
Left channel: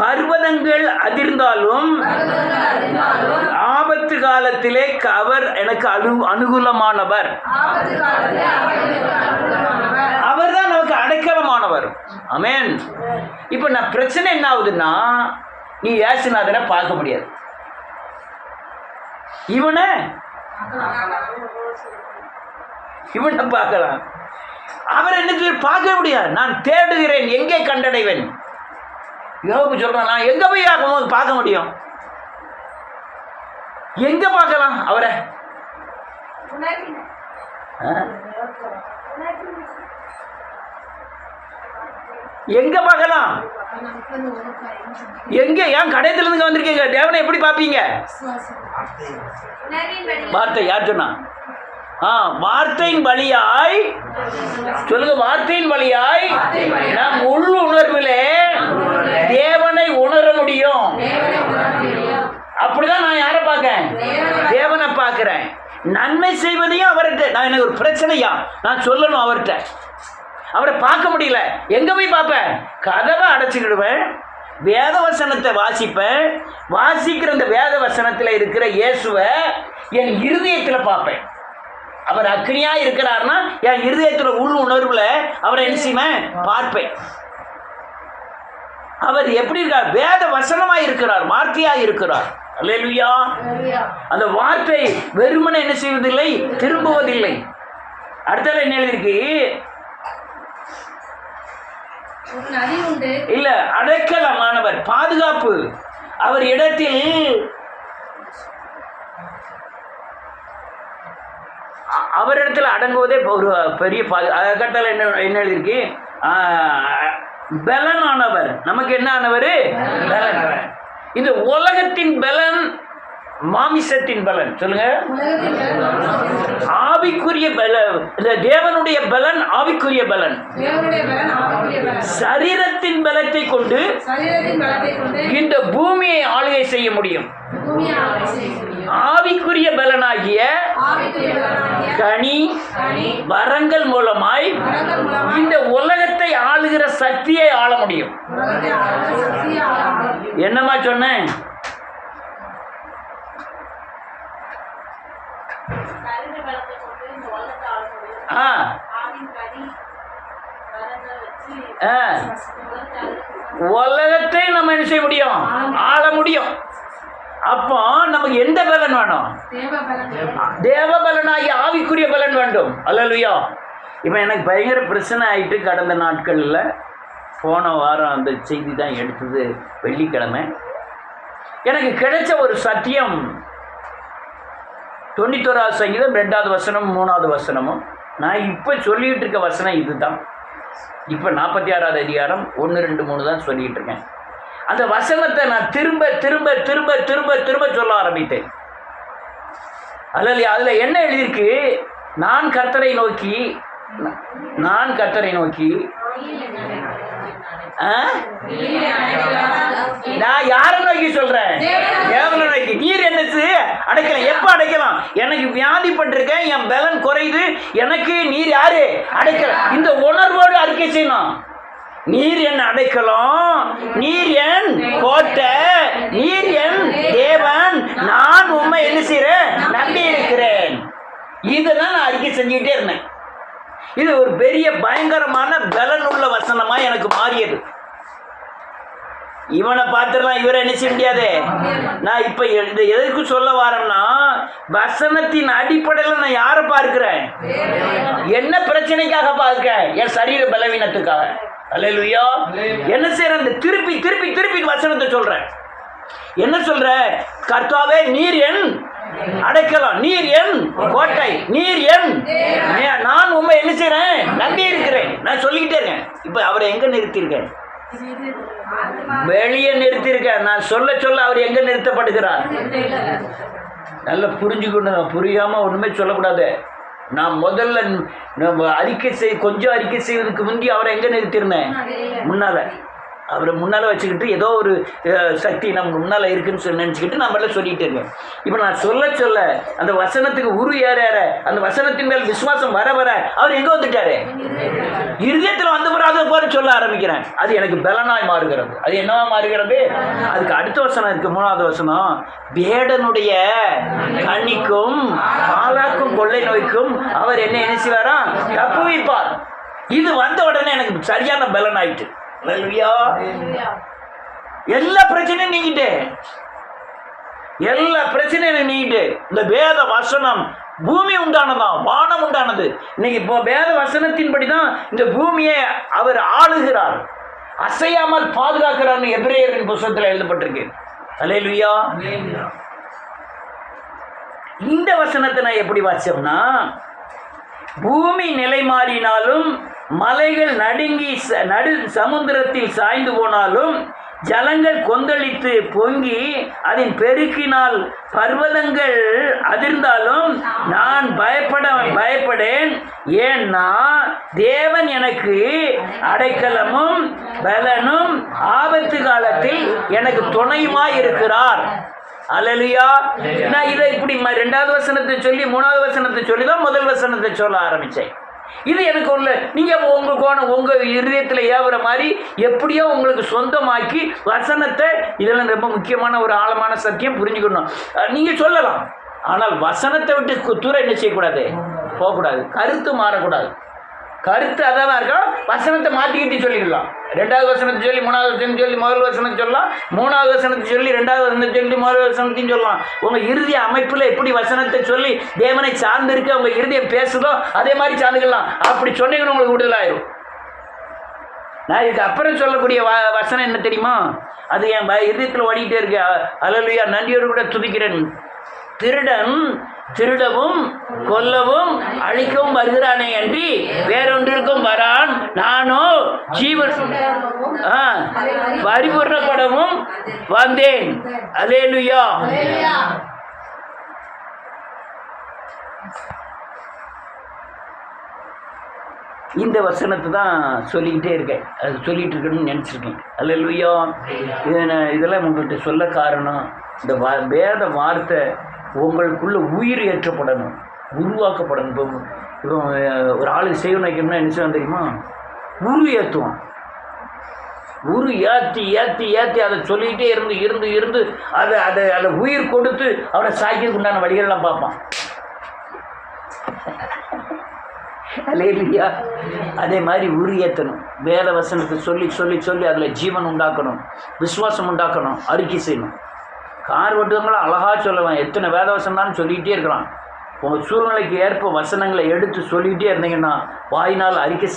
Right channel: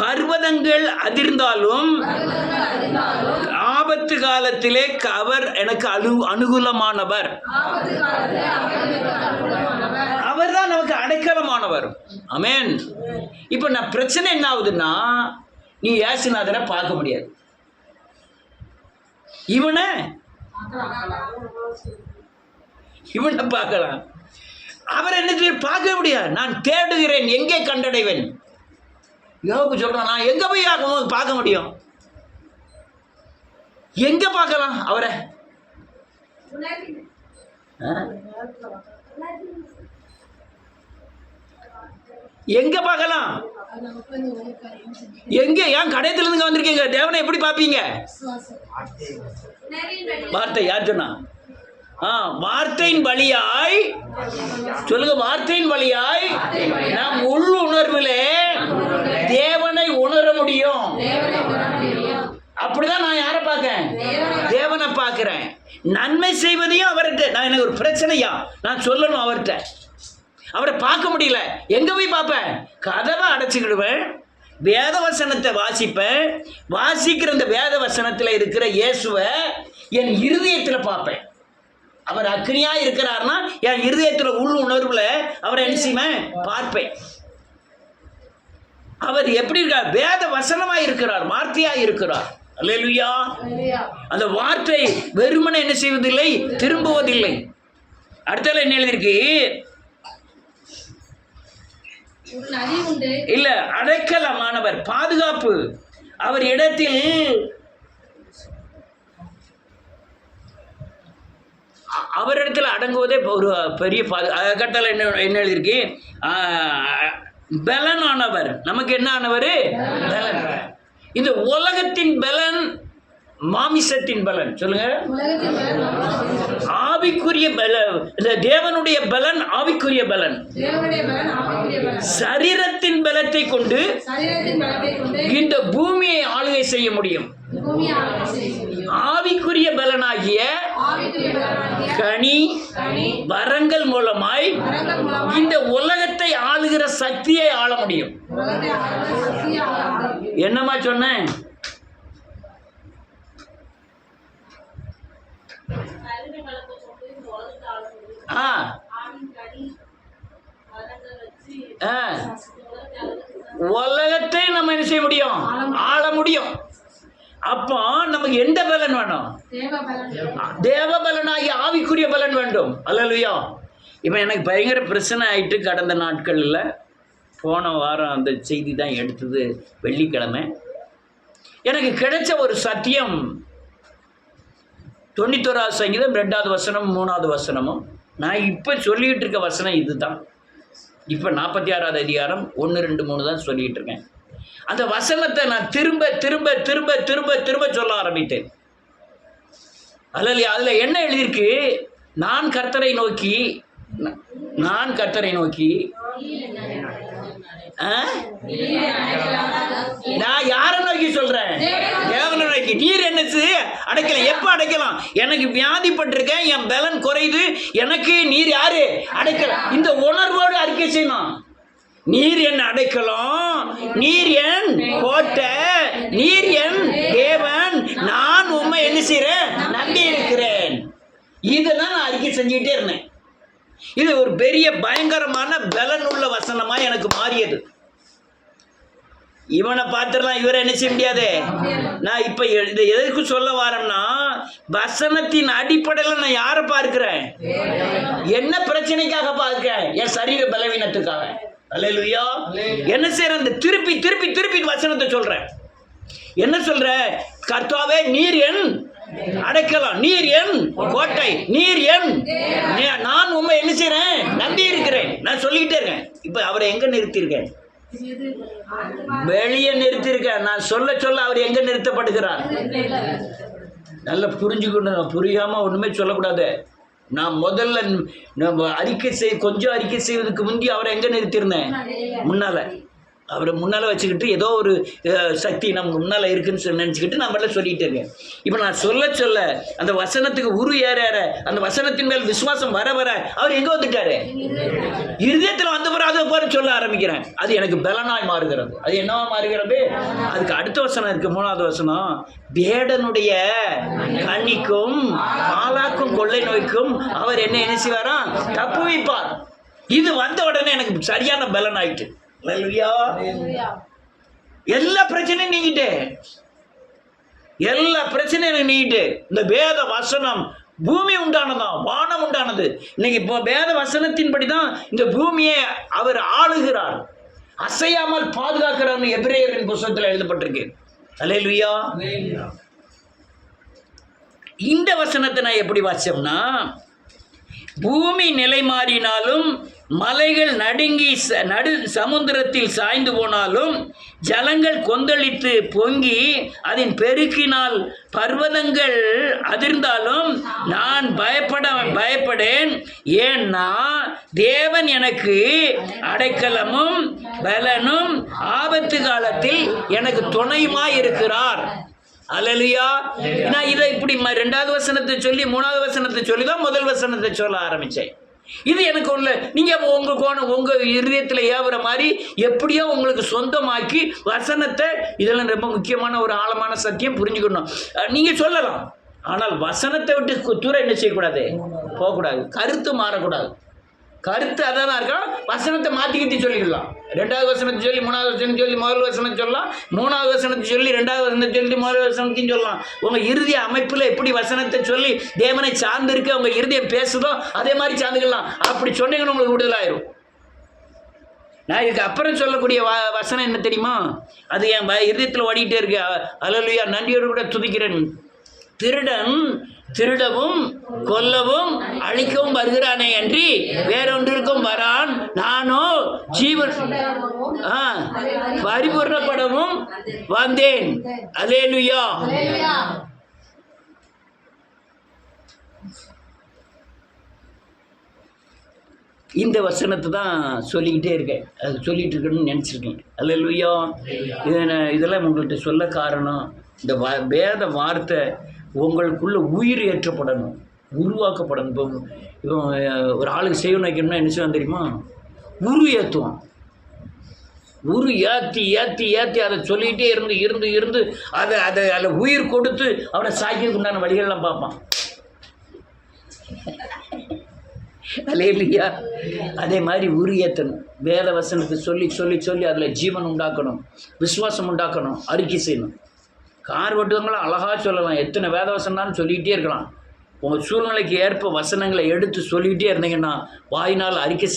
பர்வதங்கள் அதிர்ந்தாலும் ஆபத்து காலத்திலே அவர் எனக்கு அனுகூலமானவர். அவர் தான் நமக்கு அடைக்கலமானவர். ஆமென். இப்போ நான் பிரச்சனை என்ன ஆகுதுன்னா, நீ இயேசுநாதரை பார்க்க முடியாது. இவனை பார்க்கலாம், அவரை என்ன பார்க்க முடியாது. நான் தேடுகிறேன், எங்கே கண்டடைவேன்? யோபு சொல்றான், நான் எங்க போய் பார்க்க முடியும்? எங்க பார்க்கலாம் அவரை? எங்க பார்க்கலாம்? எங்க? ஏன் கடையத்துல இருந்து வந்திருக்கீங்க? தேவனை எப்படி பார்ப்பீங்க? வார்த்தை யார் சொன்னா? வார்த்தையின் வழியாய் சொல்லுங்க. வார்த்தையின் வழியாய் நாம் உள் உணர்விலே தேவனை உணர முடியும். அப்படிதான் நான் யாரை பார்க்கிறேன்? தேவனை பார்க்கிறேன். நன்மை செய்வதையும் அவர்கிட்ட. நான் எனக்கு ஒரு பிரச்சனையா நான் சொல்லணும் அவர்கிட்ட. அவரை பார்க்க முடியல, எங்க போய் பார்ப்பேன்? கதவை அடைச்சிக்கிடுவேன், வேத வசனத்தை வாசிப்பேன். வாசிக்கிற இந்த வேத வசனத்தில் இருக்கிற இயேசுவை என் இருதயத்தில் பார்ப்பேன். அவர் அக்னியா இருக்கிறார்னா என் இருதயத்தில் உள் உணர்வுல அவரை என்ன செய்வேன்? பார்ப்பேன். அவர் எப்படி இருக்கார்? வேத வசனமா இருக்கிறார், வார்த்தையா இருக்கிறார். அல்லேலூயா. அந்த வார்த்தை வெறுமனே என்ன செய்வதில்லை, திரும்புவதில்லை. அடுத்தது என்ன எழுதிருக்கு? இல்ல, அடைக்கலமானவர், பாதுகாப்பு. அவர் இடத்தில் அவரிடத்தில் அடங்குவதே ஒரு பெரிய கட்டளை. என்ன எழுதிருக்கு? பலனானவர். நமக்கு என்ன ஆனவர்? பலனானவர். இந்த உலகத்தின் பலன் மாமிசத்தின் பலன். சொல்லுங்க. உலகத்தின் பலன் மாமிசத்தின் பலன். ஆவிக்குரிய பலன். இந்த தேவனுடைய பலன் ஆவிக்குரிய பலன். தேவனுடைய பலன் ஆவிக்குரிய பலன். சரீரத்தின் பலத்தை கொண்டு சரீரத்தின் பலத்தை கொண்டு இந்த பூமியை ஆளுகை செய்ய முடியும். பூமியை ஆளுகை செய்ய முடியும். ஆவிக்குரிய பலனாகிய ஆவிக்குரிய பலனாகிய கனி வரங்கள் மூலமாய் வரங்கள் மூலமாய் இந்த உலகத்தை ஆளுகிற சக்தியை ஆள முடியும். உலகத்தை ஆளுகிற சக்தியை ஆள முடியும். என்னமா சொன்னேன்? ஆ உலகத்தை நம்ம என்ன செய்ய முடியும்? ஆள முடியும். அப்போ நமக்கு எந்த பலன் வேணும்? தேவ பலனாகி ஆவிக்குரிய பலன் வேண்டும். அல்லேலூயா. இப்போ எனக்கு பயங்கர பிரச்சனை ஆயிட்டு கடந்த நாட்களில், போன வாரம் அந்த செய்தி தான் எடுத்தது, வெள்ளிக்கிழமை. எனக்கு கிடைச்ச ஒரு சத்தியம் 91 சங்கீதம் 2வது வசனம் 3வது வசனமும். நான் இப்போ சொல்லிகிட்டு இருக்க வசனம் இது தான். இப்போ 46வது அதிகாரம் 1, 2, 3 தான் சொல்லிகிட்டு இருக்கேன். அந்த வசனத்தை நான் திரும்ப திரும்ப திரும்ப திரும்ப திரும்ப சொல்ல ஆரம்பித்தேன். அதில் என்ன எழுதியிருக்கு? நான் கர்த்தரை நோக்கி நான் யாரை நோக்கி சொல்றேன்? தேவனை நோக்கி. நீர் என்னது அடைக்கலாம்? எப்போ அடைக்கலாம்? எனக்கு வியாதிப்பட்டிருக்கேன், என் பலன் குறையுது, எனக்கு நீர் யாரு அடைக்கலாம்? இந்த உணர்வோடு அறிக்கை செய்யணும். நீர் என் அடைக்கலாம், நீர் என் கோட்டை, நீர் என் தேவன், நான் உண்மை என்ன செய்றேன்? நம்பி இருக்கிறேன். இதெல்லாம் நான் அறிக்கை செஞ்சுக்கிட்டே இருந்தேன். இது ஒரு பெரிய பயங்கரமான பலன் உள்ள வசனமா எனக்கு மாறியது. இவனை பார்த்துடலாம், இவரை என்ன செய்ய முடியாது. நான் இப்ப இந்த எதற்கு சொல்ல வரேன்னா, வசனத்தின் அடிப்படையில் நான் யாரை பார்க்கிறேன்? என்ன பிரச்சனைக்காக பார்க்கிறேன்? என் சரீர பலவீனத்துக்காக. அல்லேலூயா. என்ன செய்யறேன்? இந்த திருப்பி திருப்பி திருப்பி வசனத்தை சொல்றேன். என்ன சொல்ற? கர்த்தாவே, நீர் என் அடைக்கலாம், நீர் என் கோட்டை, நீர் என், நான் உண்மை என்ன செய்றேன்? நம்பி இருக்கிறேன். நான் சொல்லிக்கிட்டே இருக்கேன். இப்ப அவரை எங்க நிறுத்தியிருக்கேன்? வெளியே நிறுத்தியிருக்கேன். நான் சொல்ல சொல்ல அவர் எங்க நிறுத்தப்படுகிறார்? நல்லா புரிஞ்சுக்கணும். புரியாம ஒண்ணுமே சொல்லக்கூடாது. நான் முதல்ல கொஞ்சம் அறிக்கை செய்வதற்கு முந்தி அவரை எங்க நிறுத்தியிருந்தேன்? முன்னால. அவரை முன்னால் வச்சுக்கிட்டு ஏதோ ஒரு சக்தி நம்ம முன்னால் இருக்குன்னு சொல்லி நினச்சிக்கிட்டு நம்மள சொல்லிகிட்டே இருக்கேன். இப்போ நான் சொல்ல சொல்ல அந்த வசனத்துக்கு உரு ஏற ஏற, அந்த வசனத்தின் மேல் விசுவாசம் வர வர அவர் எங்கே வந்துட்டாரு? இருதயத்தில் வந்த பிறகு அதை போல சொல்ல ஆரம்பிக்கிறேன். அது எனக்கு பலனாய் மாறுகிறது. அது என்னவா மாறுகிறது? அதுக்கு அடுத்த வசனம் இருக்கு, 3வது வசனம். வேடனுடைய கண்ணிக்கும் பாலாக்கும் கொள்ளை நோய்க்கும் அவர் என்ன செய்வாராம்? தப்புவிப்பார். இது வந்த உடனே எனக்கு சரியான பலன் ஆயிட்டு. எல்லா பிரச்சனையும் நீங்கிட்டு, எல்லா பிரச்சனையும் நீங்கிட்டு. இந்த வேத வசனம் பூமி உண்டானதான், வானம் உண்டானது. இன்னைக்கு இப்போ வேத வசனத்தின்படி தான் இந்த பூமியை அவர் ஆளுகிறார், அசையாமல் பாதுகாக்கிறார்னு எபிரேயரின் புத்தகத்தில் எழுதப்பட்டிருக்கு. அல்லேலூயா. இந்த வசனத்தை நான் எப்படி வாசிச்சோம்னா, பூமி நிலை மாறினாலும், மலைகள் நடுங்கி நடு சமுத்திரத்தில் சாய்ந்து போனாலும், ஜலங்கள் கொந்தளித்து பொங்கி அதன் பெருக்கினால் பர்வதங்கள் அதிர்ந்தாலும் நான் பயப்படேன். ஏன்னா தேவன் எனக்கு அடைக்கலமும் பலனும் ஆபத்து காலத்தில் எனக்கு துணையுமாய் இருக்கிறார். அல்லேலூயா. நான் இதை இப்படி 2வது வசனத்தை சொல்லி 3வது வசனத்தை சொல்லி தான் முதல் வசனத்தை சொல்ல ஆரம்பித்தேன். இது எனக்கு உள்ள, நீங்கள் உங்கள் இருதயத்தில் ஏவுற மாதிரி எப்படியோ உங்களுக்கு சொந்தமாக்கி வசனத்தை, இதெல்லாம் ரொம்ப முக்கியமான ஒரு ஆழமான சத்தியம், புரிஞ்சுக்கணும். நீங்கள் சொல்லலாம், ஆனால் வசனத்தை விட்டு தூர என்ன செய்யக்கூடாது? போகக்கூடாது. கருத்து மாறக்கூடாது. கருத்து அதான் இருக்கணும். வசனத்தை மாற்றிக்கிட்டு சொல்லிக்கலாம். 2வது வசனத்தை சொல்லி 3வது வசனத்தை சொல்லி முதல் வசனத்தை சொல்லலாம், 3வது வசனத்தை சொல்லி 2வது வசனத்தை சொல்லி முதல் வசனத்தையும் சொல்லலாம். உங்கள் இறுதிய அமைப்பில் எப்படி வசனத்தை சொல்லி தேவனை சார்ந்து இருக்க உங்கள் இருதயம் பேசுதோ அதே மாதிரி சார்ந்துக்கலாம். அப்படி சொன்னீங்கன்னு உங்களுக்கு விடுதலாயிரும். நான் இதுக்கு அப்புறம் சொல்லக்கூடிய வசனம் என்ன தெரியுமா? அது என் இதயத்தில் ஓடிக்கிட்டே இருக்கு. அல்லேலூயா. நன்றியோடு கூட துதிக்கிறேன். திருடன் திருடவும் கொல்லவும் அழிக்கவும் வருகிறானே அன்றி வேறொன்றிற்கும் வரான். நானோ ஜீவன் பரிபூர்ணப்படவும் வந்தேன். அல்லேலூயா. இந்த வசனத்தை தான் சொல்லிக்கிட்டே இருக்கேன். அது சொல்லிகிட்டு இருக்கணும்னு நினச்சிருக்கேன். அல்லேலூயா. இதெல்லாம் உங்கள்கிட்ட சொல்ல காரணம், இந்த வேத வார்த்தை உங்களுக்குள்ள உயிர் ஏற்றப்படணும், உருவாக்கப்படணும். இப்போ ஒரு ஆளுக்கு செய்ய வைக்கணும்னா என்ன செய்யணும் தெரியுமா? உரு ஏற்றுவோம். உரு ஏற்றி ஏற்றி ஏற்றி அதை சொல்லிகிட்டே இருந்து இருந்து இருந்து அதை உயிர் கொடுத்து அவனை சாய்க்கிறதுக்கு உண்டான வழிகள்லாம் பார்ப்பான். அல்லேலூயா. அதே மாதிரி உரு ஏற்றணும். வேத வசனத்தை சொல்லி சொல்லி சொல்லி அதில் ஜீவன் உண்டாக்கணும், விசுவாசம் உண்டாக்கணும், அறிக்கை செய்யணும். கார் ஓட்டுவங்களும் அழகாக சொல்லலாம், எத்தனை வேத வசனம்னு சொல்லிக்கிட்டே இருக்கலாம். உங்கள் சூழ்நிலைக்கு ஏற்ப வசனங்களை எடுத்து சொல்லிக்கிட்டே இருந்தீங்கன்னா வாயினால் அறிக்கை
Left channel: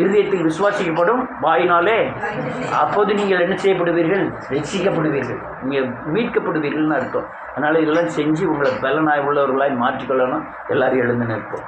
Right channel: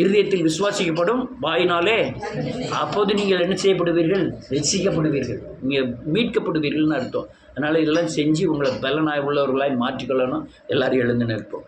இருதயத்தில் விசுவாசிக்கப்படும், வாயினாலே அப்போது நீங்கள் என்ன செய்யப்படுவீர்கள்? ரட்சிக்கப்படுவீர்கள், நீங்கள் மீட்கப்படுவீர்கள்னு அர்த்தம். அதனால் இதெல்லாம் செஞ்சு உங்களை பலனாய் உள்ளவர்களாய் மாற்றிக்கொள்ளணும். எல்லோரும் எழுந்து நிற்போம்.